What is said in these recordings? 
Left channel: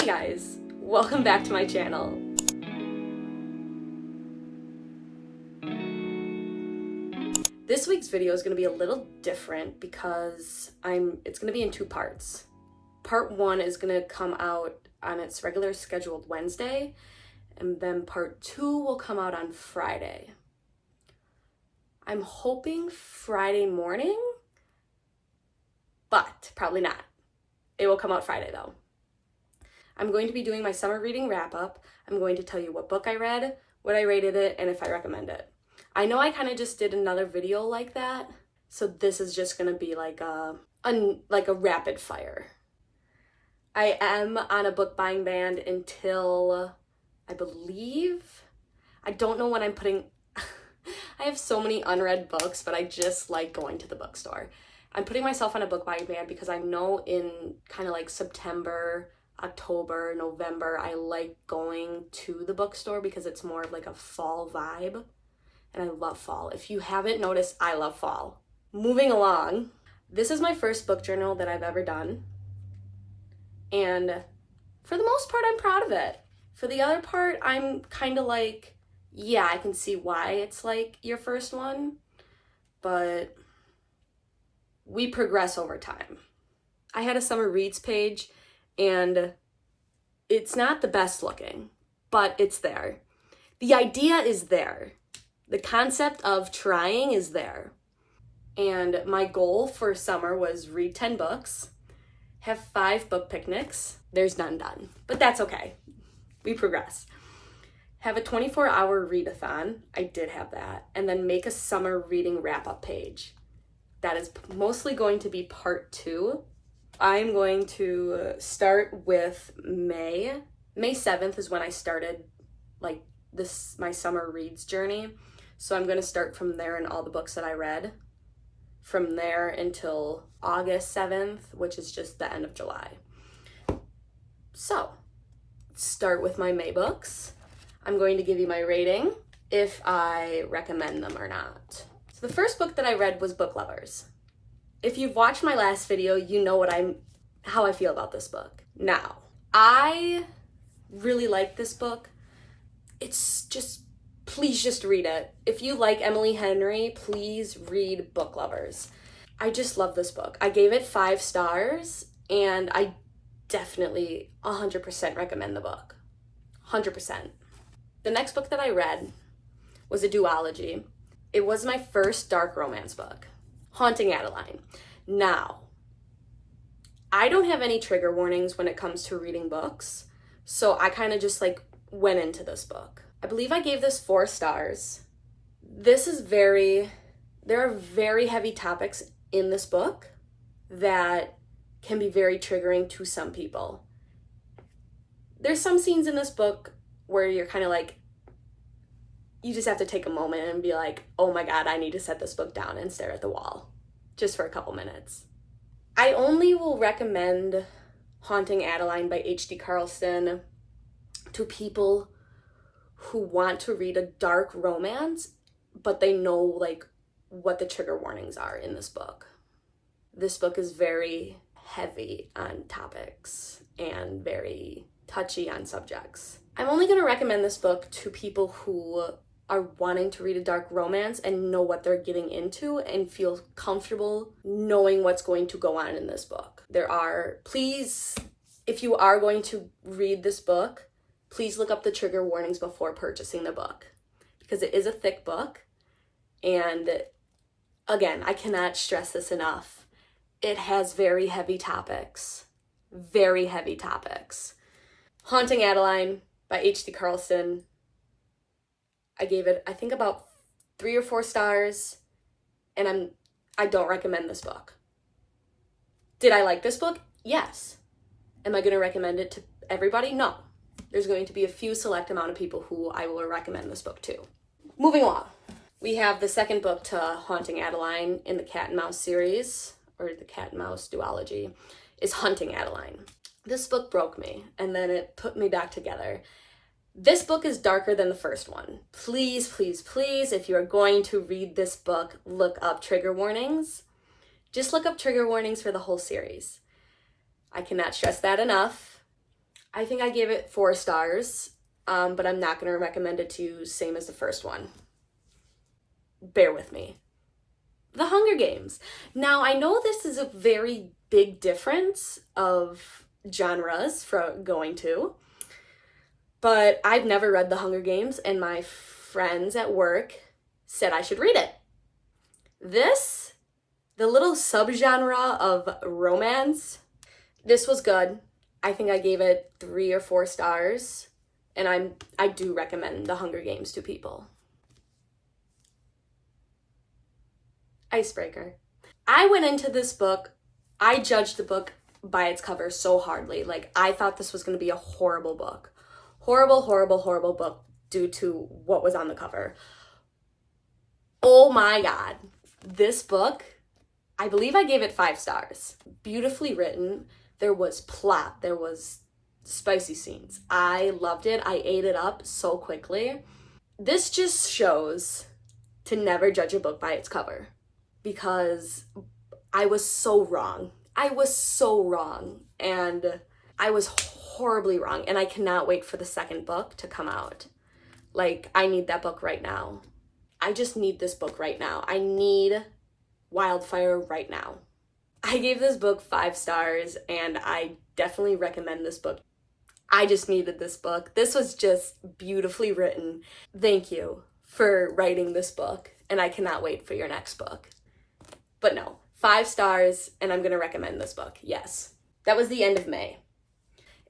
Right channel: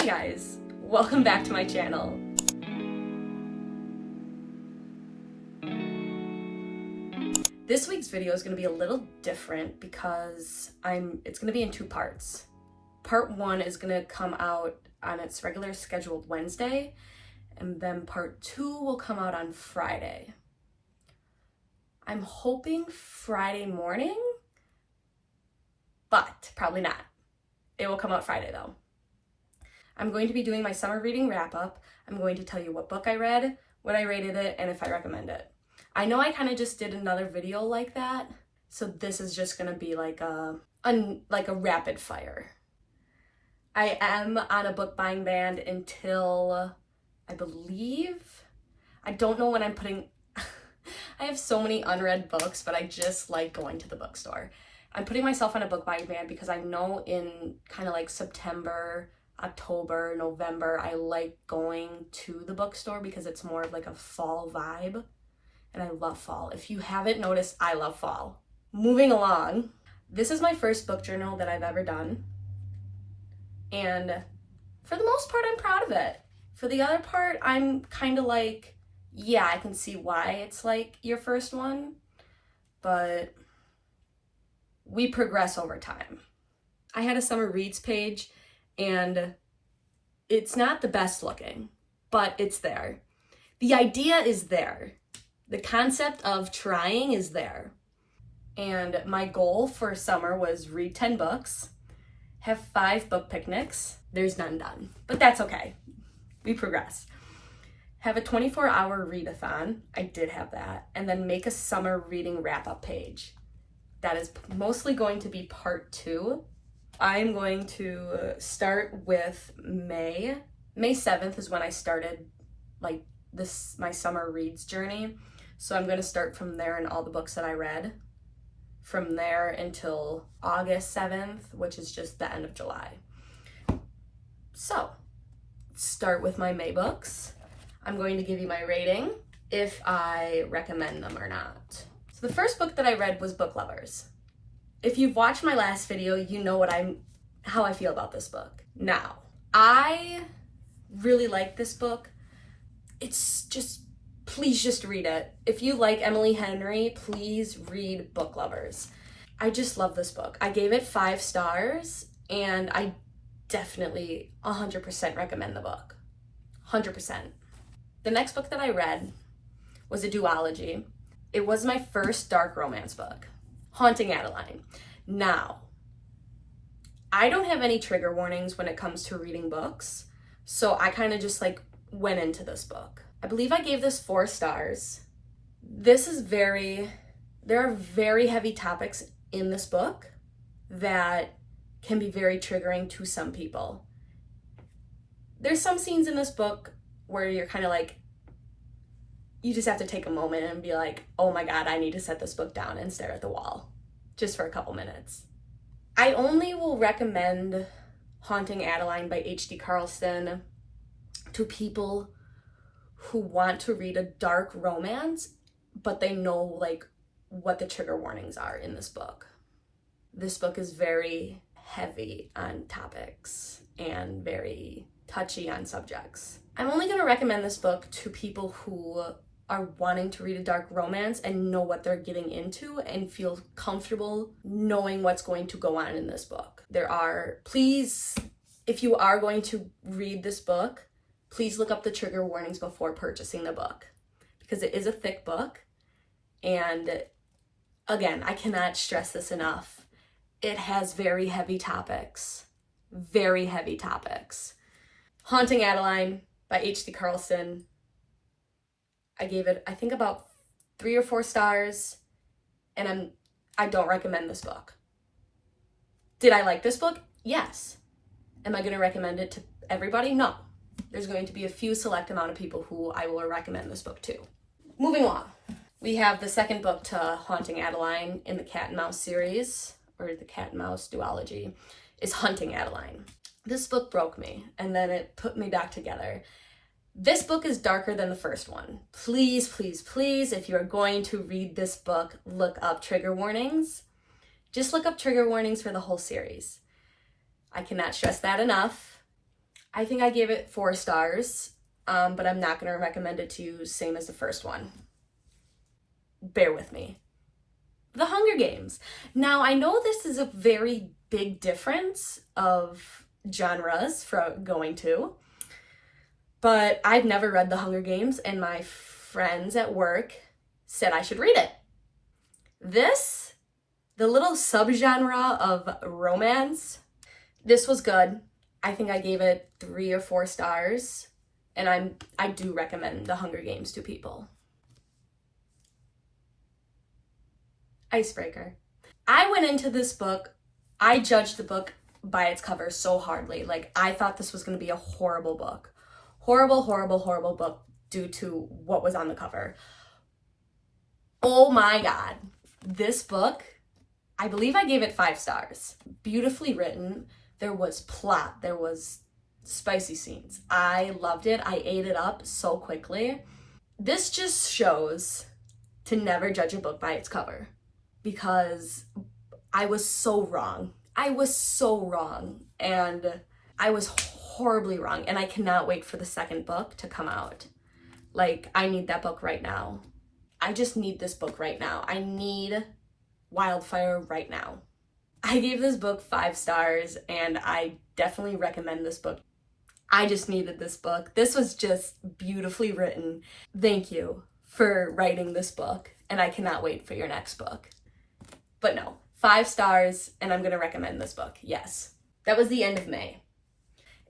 Hey guys, welcome back to my channel. This week's video is going to be a little different because it's going to be in two parts. Part one is going to come out on its regular scheduled Wednesday, and then part two will come out on Friday. I'm hoping Friday morning, but probably not. It will come out Friday though. I'm going to be doing my summer reading wrap-up. I'm going to tell you what book I read, what I rated it, and if I recommend it. I know I kind of just did another video like that, so this is just going to be like a rapid fire. I am on a book buying ban until, I don't know when I'm putting, I have so many unread books, but I just like going to the bookstore. I'm putting myself on a book buying ban because I know in kind of like September, October, November, I like going to the bookstore because it's more of like a fall vibe, and I love fall. If you haven't noticed, I love fall. Moving along, this is my first book journal that I've ever done, and for the most part, I'm proud of it. For the other part, I'm kind of like, yeah, I can see why it's like your first one, but we progress over time. I had a summer reads page, and it's not the best looking, but it's there. The idea is there. The concept of trying is there. And my goal for summer was read 10 books, have 5 book picnics. There's none done, but that's okay. We progress. Have a 24-hour readathon. I did have that. And then make a summer reading wrap-up page. That is mostly going to be part 2. I'm going to start with May. May 7th is when I started like my summer reads journey. So I'm going to start from there and all the books that I read from there until August 7th, which is just the end of July. So start with my May books. I'm going to give you my rating if I recommend them or not. So the first book that I read was Book Lovers. If you've watched my last video, you know how I feel about this book. Now, I really like this book. It's just, please just read it. If you like Emily Henry, please read Book Lovers. I just love this book. I gave it 5 stars, and I definitely 100% recommend the book. 100%. The next book that I read was a duology. It was my first dark romance book, Haunting Adeline. Now, I don't have any trigger warnings when it comes to reading books, so I kind of just like went into this book. I believe I gave this 4 stars. There are very heavy topics in this book that can be very triggering to some people. There's some scenes in this book where you're kind of like, you just have to take a moment and be like, oh my God, I need to set this book down and stare at the wall just for a couple minutes. I only will recommend Haunting Adeline by H.D. Carlson to people who want to read a dark romance, but they know like what the trigger warnings are in this book. This book is very heavy on topics and very touchy on subjects. I'm only going to recommend this book to people who are wanting to read a dark romance and know what they're getting into and feel comfortable knowing what's going to go on in this book. Please, if you are going to read this book, please look up the trigger warnings before purchasing the book, because it is a thick book. And again, I cannot stress this enough. It has very heavy topics. Very heavy topics. Haunting Adeline by H.D. Carlson. I gave it, I think, about 3 or 4 stars, and I don't recommend this book. Did I like this book? Yes. Am I going to recommend it to everybody? No. There's going to be a few select amount of people who I will recommend this book to. Moving along. We have the second book to Haunting Adeline in the Cat and Mouse series, or the Cat and Mouse duology, is Hunting Adeline. This book broke me, and then it put me back together. This book is darker than the first one. Please, please, please, if you're going to read this book, look up trigger warnings. Just look up trigger warnings for the whole series. I cannot stress that enough. I think I gave it 4 stars, but I'm not going to recommend it to you same as the first one. Bear with me. The Hunger Games. Now, I know this is a very big difference of genres from going to, but I've never read The Hunger Games, and my friends at work said I should read it. This, the little subgenre of romance, this was good. I think I gave it 3 or 4 stars, and I do recommend The Hunger Games to people. Icebreaker. I went into this book, I judged the book by its cover so hardly. Like, I thought this was going to be a horrible book. Horrible, horrible, horrible book due to what was on the cover. Oh my God. This book, I believe I gave it 5 stars. Beautifully written. There was plot. There was spicy scenes. I loved it. I ate it up so quickly. This just shows to never judge a book by its cover, because I was so wrong. I was so wrong. And I was horribly wrong. And I cannot wait for the second book to come out. Like, I need that book right now. I just need this book right now. I need Wildfire right now. I gave this book 5 stars, and I definitely recommend this book. I just needed this book. This was just beautifully written. Thank you for writing this book, and I cannot wait for your next book. But no, 5 stars, and I'm going to recommend this book. Yes. That was the end of May.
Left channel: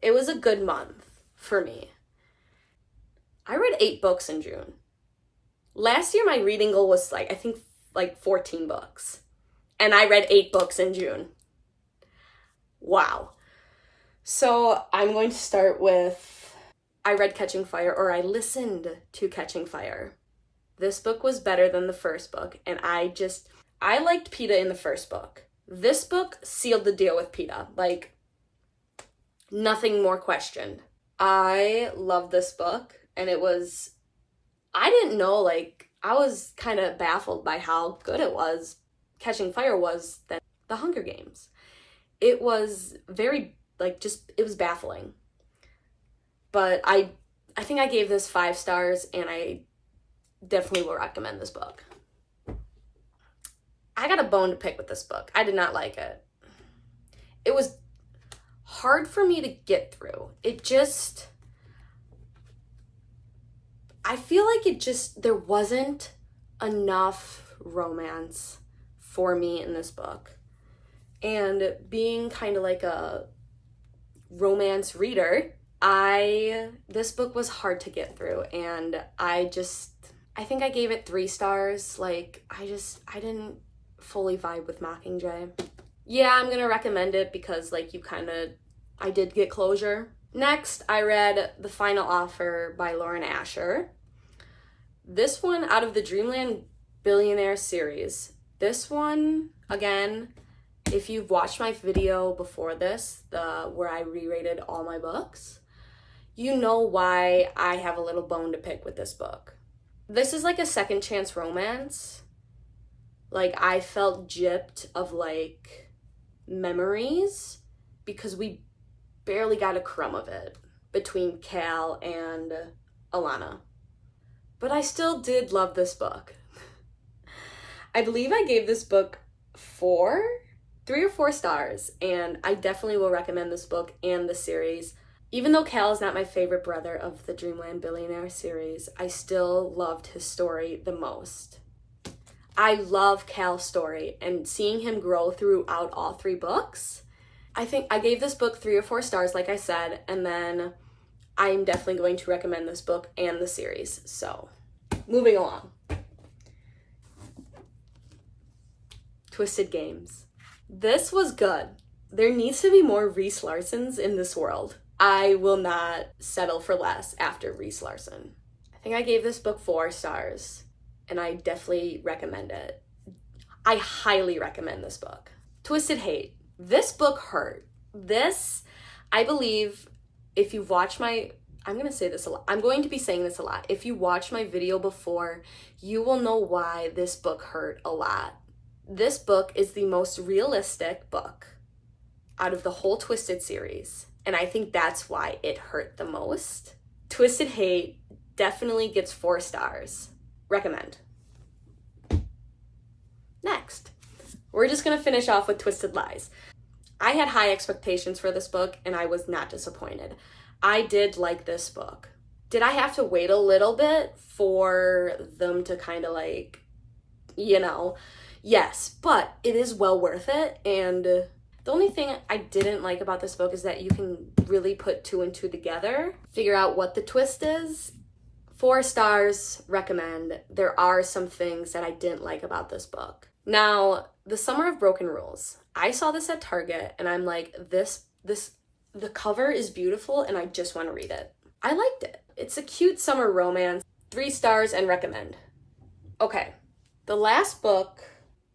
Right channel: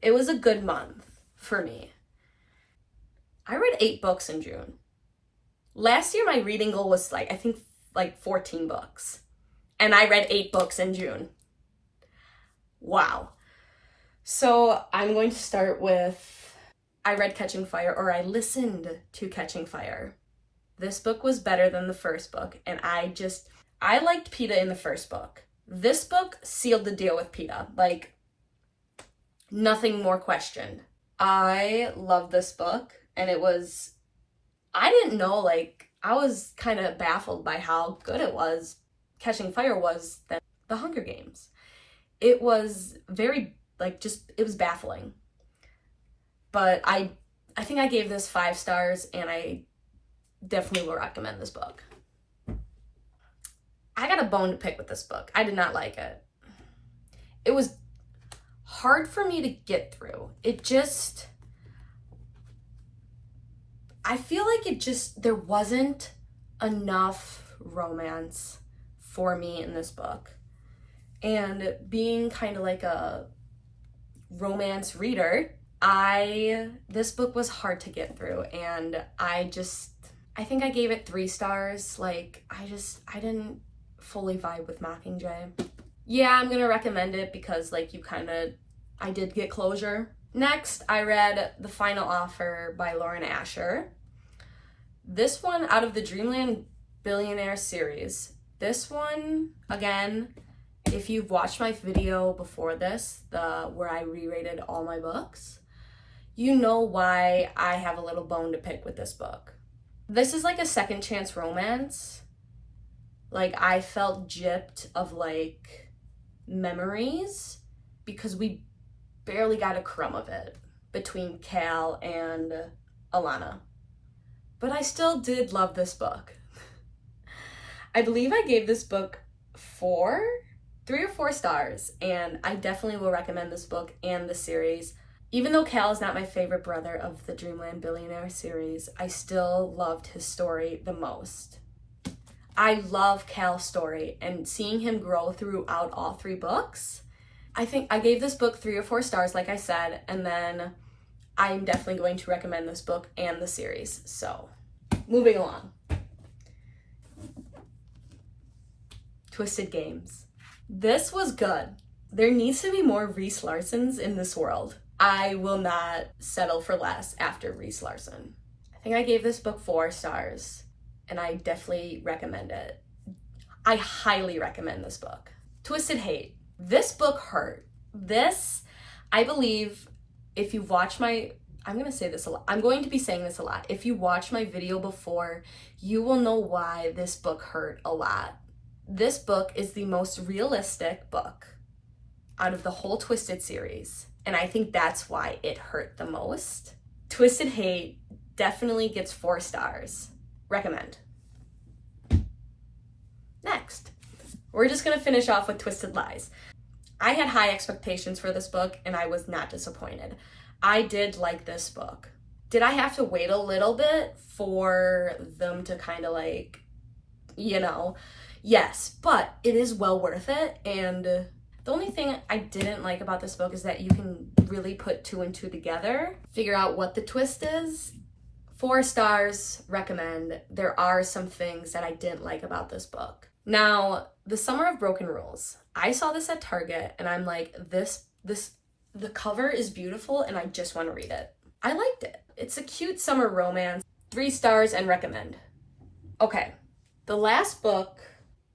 It was a good month for me. I read 8 books in June. Last year, my reading goal was I think 14 books. And I read 8 books in June. Wow. So I'm going to start with, I read Catching Fire, or I listened to Catching Fire. This book was better than the first book, and I liked Peeta in the first book. This book sealed the deal with Peeta. Like, nothing more questioned. I loved this book, and I didn't know, I was kind of baffled by how good it was. Catching Fire was that The Hunger Games. It was very, it was baffling. But I think I gave this 5 stars, and I definitely will recommend this book. I got a bone to pick with this book. I did not like it. It was hard for me to get through. I feel like there wasn't enough romance for me in this book. And being kind of like a romance reader, this book was hard to get through, and I think I gave it 3 stars. I didn't fully vibe with Mockingjay. Yeah, I'm gonna recommend it because I did get closure. Next, I read The Final Offer by Lauren Asher. This one out of the Dreamland Billionaire series. This one, again, if you've watched my video before this, where I re-rated all my books, you know why I have a little bone to pick with this book. This is a second chance romance. I felt gypped of memories because we barely got a crumb of it between Cal and Alana. But I still did love this book. I believe I gave this book 3 or 4 stars, and I definitely will recommend this book and the series. Even though Cal is not my favorite brother of the Dreamland Billionaire series, I still loved his story the most. I love Cal's story, and seeing him grow throughout all 3 books, I think I gave this book 3 or 4 stars, like I said, and then I'm definitely going to recommend this book and the series. So, moving along. Twisted Games. This was good. There needs to be more Reese Larsons in this world. I will not settle for less after Reese Larson. I think I gave this book 4 stars, and I definitely recommend it. I highly recommend this book. Twisted Hate. This book hurt. This, I believe, if you've watched I'm going to say this a lot. I'm going to be saying this a lot. If you watched my video before, you will know why this book hurt a lot. This book is the most realistic book out of the whole Twisted series. and I think that's why it hurt the most. Twisted Hate definitely gets 4 stars. Recommend. Next, we're just gonna finish off with Twisted Lies. I had high expectations for this book and I was not disappointed. I did like this book. Did I have to wait a little bit for them to kind of like, yes, but it is well worth it. And the only thing I didn't like about this book is that you can really put 2 and 2 together, figure out what the twist is. 4 stars, recommend. There are some things that I didn't like about this book. Now, The Summer of Broken Rules. I saw this at Target and I'm like, the cover is beautiful and I just want to read it. I liked it. It's a cute summer romance. 3 stars and recommend. Okay, the last book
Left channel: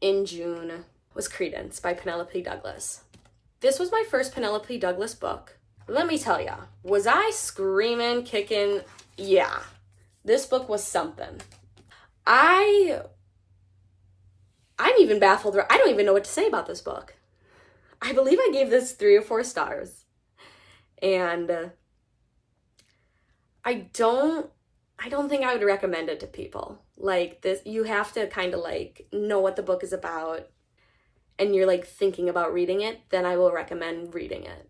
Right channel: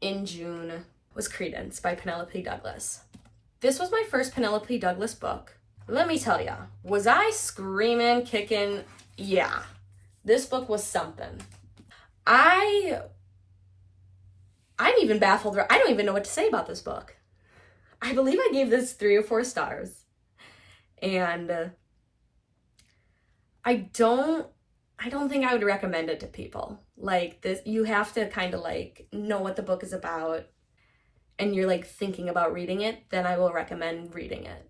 in June was Credence by Penelope Douglas. This was my first Penelope Douglas book. Let me tell ya, was I screaming, kicking? Yeah, this book was something. I'm even baffled. I don't even know what to say about this book. I believe I gave this 3 or 4 stars. And I don't think I would recommend it to people. Like this, you have to kind of like know what the book is about and you're like thinking about reading it, then I will recommend reading it.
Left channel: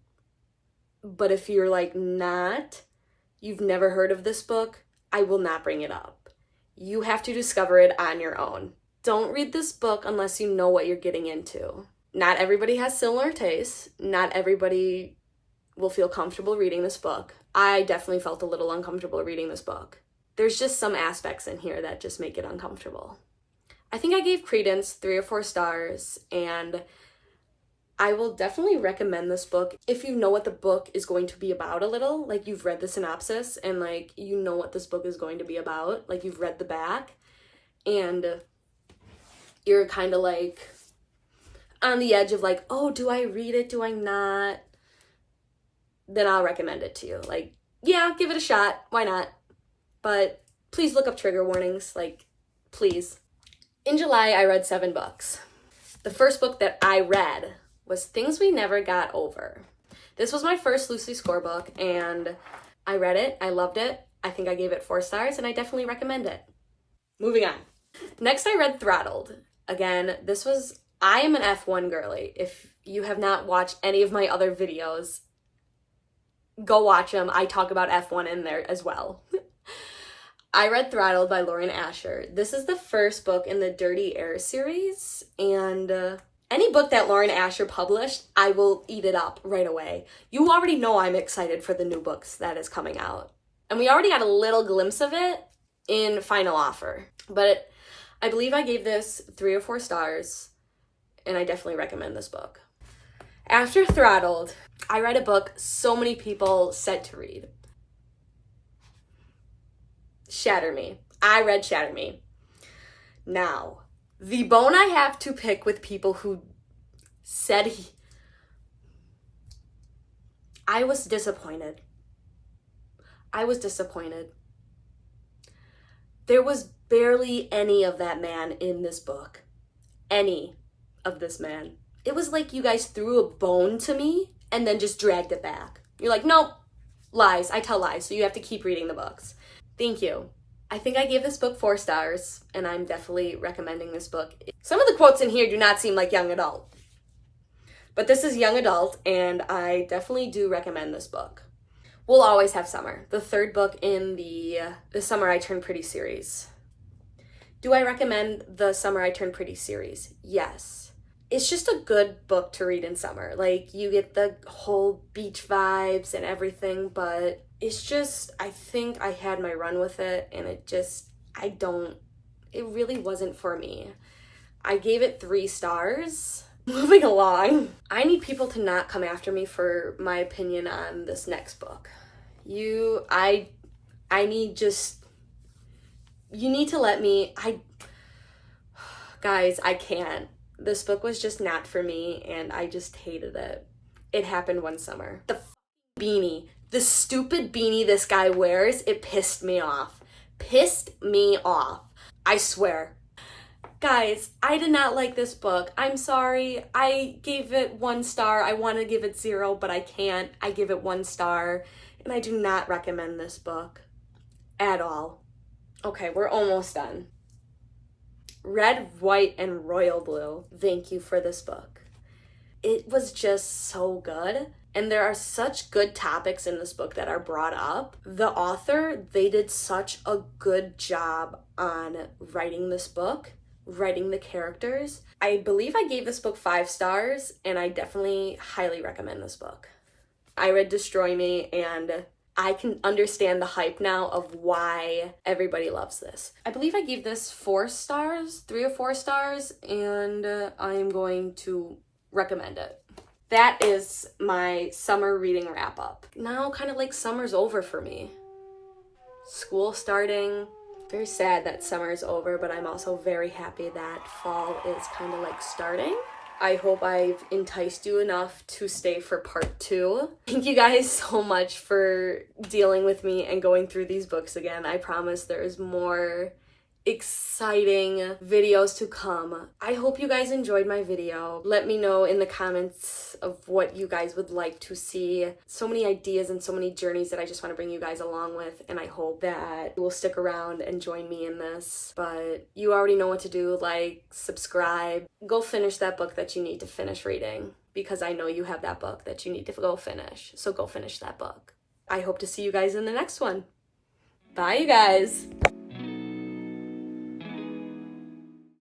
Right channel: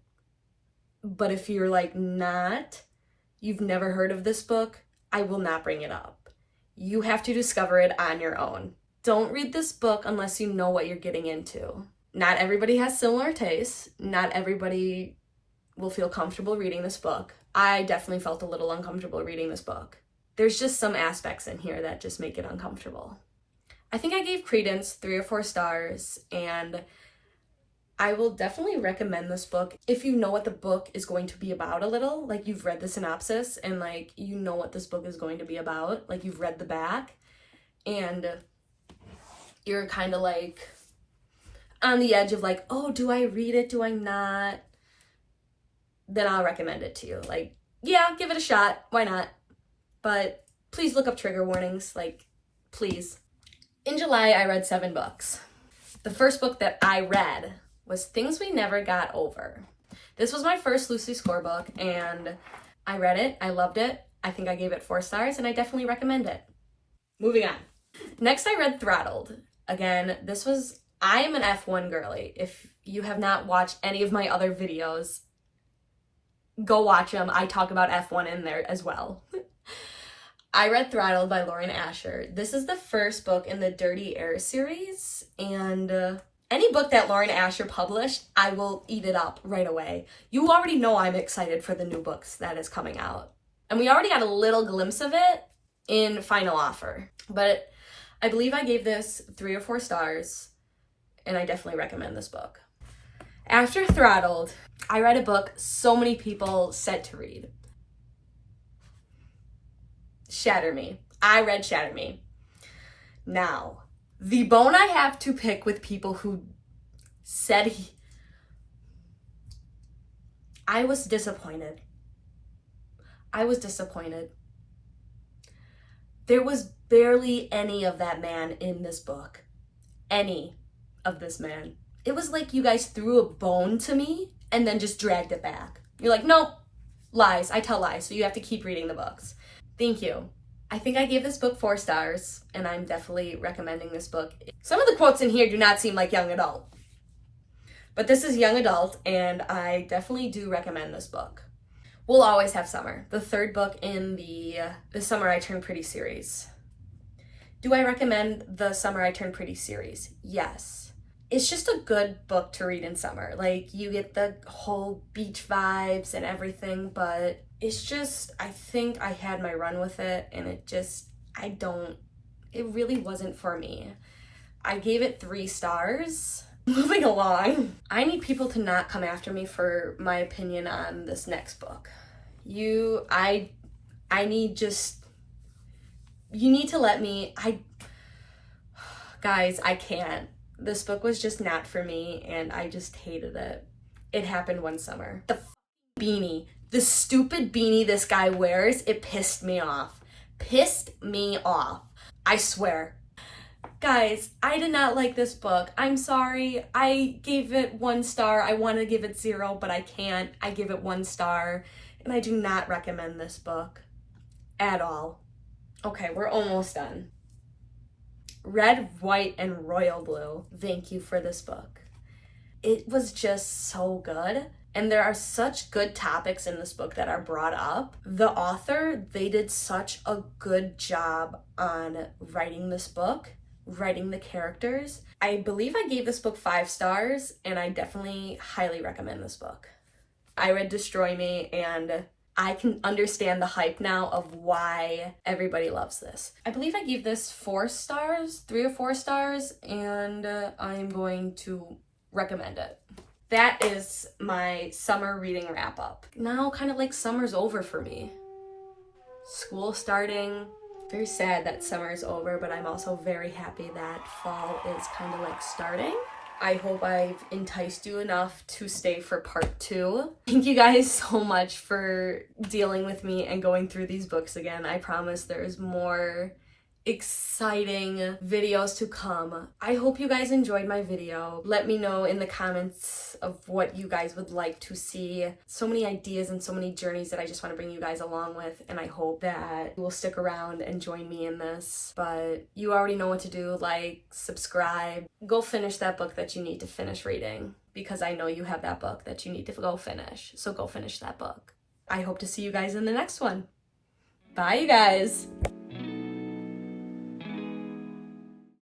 But if you're like you've never heard of this book, I will not bring it up. You have to discover it on your own. Don't read this book unless you know what you're getting into. Not everybody has similar tastes. Not everybody will feel comfortable reading this book. I definitely felt a little uncomfortable reading this book. There's just some aspects in here that just make it uncomfortable. I think I gave Credence 3 or 4 stars, and I will definitely recommend this book if you know what the book is going to be about a little. Like you've read the synopsis and like you know what this book is going to be about. Like you've read the back and you're kind of like on the edge of like, oh, do I read it? Do I not? Then I'll recommend it to you. Like, yeah, give it a shot. Why not? But please look up trigger warnings. Like, please. In July, I read 7 books. The first book that I read was Things We Never Got Over. This was my first Lucy Score book, and I read it. I loved it. I think I gave it 4 stars, and I definitely recommend it. Moving on. Next, I read Throttled. Again, I am an F1 girly. If you have not watched any of my other videos, go watch them. I talk about F1 in there as well. I read Throttled by Lauren Asher. This is the first book in the Dirty Air series, and any book that Lauren Asher published, I will eat it up right away. You already know I'm excited for the new books that is coming out. And we already got a little glimpse of it in Final Offer. But I believe I gave this 3 or 4 stars, and I definitely recommend this book. After Throttled, I read a book so many people said to read. Shatter Me. I read Shatter Me. Now, the bone I have to pick with people who said I was disappointed. There was barely any of that man in this book. Any of this man. It was like you guys threw a bone to me and then just dragged it back. You're like, nope, lies. I tell lies, so you have to keep reading the books. Thank you. I think I gave this book 4 stars, and I'm definitely recommending this book. Some of the quotes in here do not seem like young adult, but this is young adult, and I definitely do recommend this book. We'll Always Have Summer, the 3rd book in the Summer I Turned Pretty series. Do I recommend the Summer I Turned Pretty series? Yes. It's just a good book to read in summer. Like, you get the whole beach vibes and everything, but it's just, I think I had my run with it, and it really wasn't for me. I gave it 3 stars. Moving along. I need people to not come after me for my opinion on this next book. You need to let me, guys, I can't. This book was just not for me, and I just hated it. It happened one summer. The beanie, the stupid beanie this guy wears, it pissed me off. I swear. Guys, I did not like this book. I'm sorry. I gave it 1 star. I want to give it 0, but I can't. I give it 1 star, and I do not recommend this book at all. Okay, we're almost done. Red, White, and Royal Blue. Thank you for this book. It was just so good. And there are such good topics in this book that are brought up. The author, they did such a good job on writing this book, writing the characters. I believe I gave this book 5 stars, and I definitely highly recommend this book. I read Destroy Me, and I can understand the hype now of why everybody loves this. I believe I gave this 4 stars, 3 or 4 stars, and I'm going to recommend it. That is my summer reading wrap up. Now kind of like summer's over for me. School starting. Very sad that summer's over, but I'm also very happy that fall is kind of like starting. I hope I've enticed you enough to stay for part 2. Thank you guys so much for dealing with me and going through these books again. I promise there's more exciting videos to come. I hope you guys enjoyed my video. Let me know in the comments of what you guys would like to see. So many ideas and so many journeys that I just want to bring you guys along with, and I hope that you will stick around and join me in this. But you already know what to do. Like, subscribe, go finish that book that you need to finish reading, because I know you have that book that you need to go finish. So go finish that book. I hope to see you guys in the next one. Bye, you guys.